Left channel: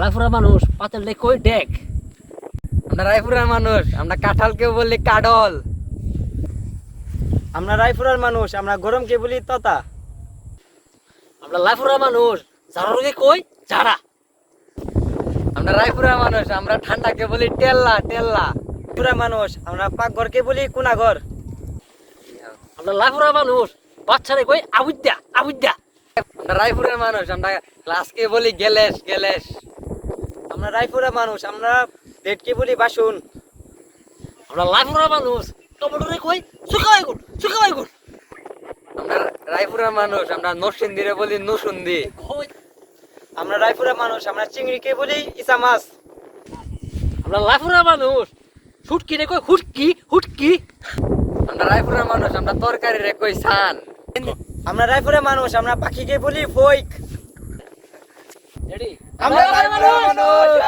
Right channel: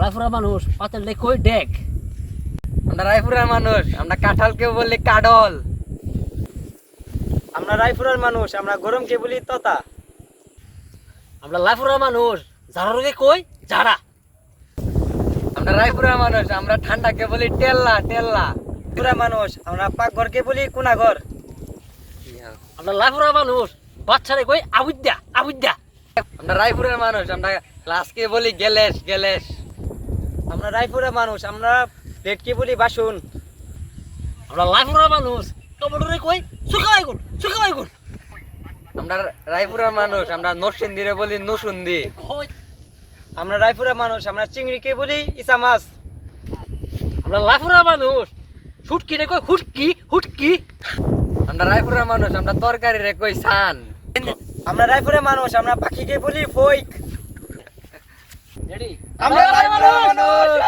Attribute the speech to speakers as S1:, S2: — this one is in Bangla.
S1: রায়পুরের মানুষ পাতেল লে কই ডেক।
S2: আমরা রায়পুরের মানুষ, আমরা কাঁঠালকে বলি কাডল।
S3: আমরা রায়পুরের মানুষ, আমরা গরমকে বলি ততা।
S1: আমরা রায়পুরের মানুষ যারা রোগে কই যারা।
S2: আমরা রায়পুরের মানুষ, আমরা ঠান্ডাকে বলি টেল্লা টেল্লা।
S3: রায়পুরের মানুষ, আমরা পাকঘরকে বলি কুনাঘর।
S1: আমরা রায়পুরের মানুষ বাচ্চারে কই আবুদ্যা আবুদ্যা।
S2: আমরা রায়পুরের মানুষ, আমরা ক্লাসকে বলি গেলেশ গেলেশ।
S3: আমরা রায়পুরের মানুষ, আমরা প্লেটকে বলি বাসন।
S1: আমরা রায়পুরের মানুষ টমেটোরে কই সুখাবাই গুড় সুখাবাই গুড়।
S2: আমরা রায়পুরের মানুষ, আমরা নরসিংদীরে বলি নসুন্দি।
S3: আমরা রায়পুরের মানুষ, আমরা চিংড়িকে বলি ইসা মাছ।
S1: আমরা রায়পুরের মানুষ শুটকি রে কই হুটকি হুটকি।
S2: আমরা রায়পুরের মানুষ, আমরা তরকারি রে কই সান।
S3: আমরা রায়পুরের মানুষ, আমরা পাখিকে বলি ফইক।
S1: রেডি
S3: আমরা রায়পুরের মানুষ।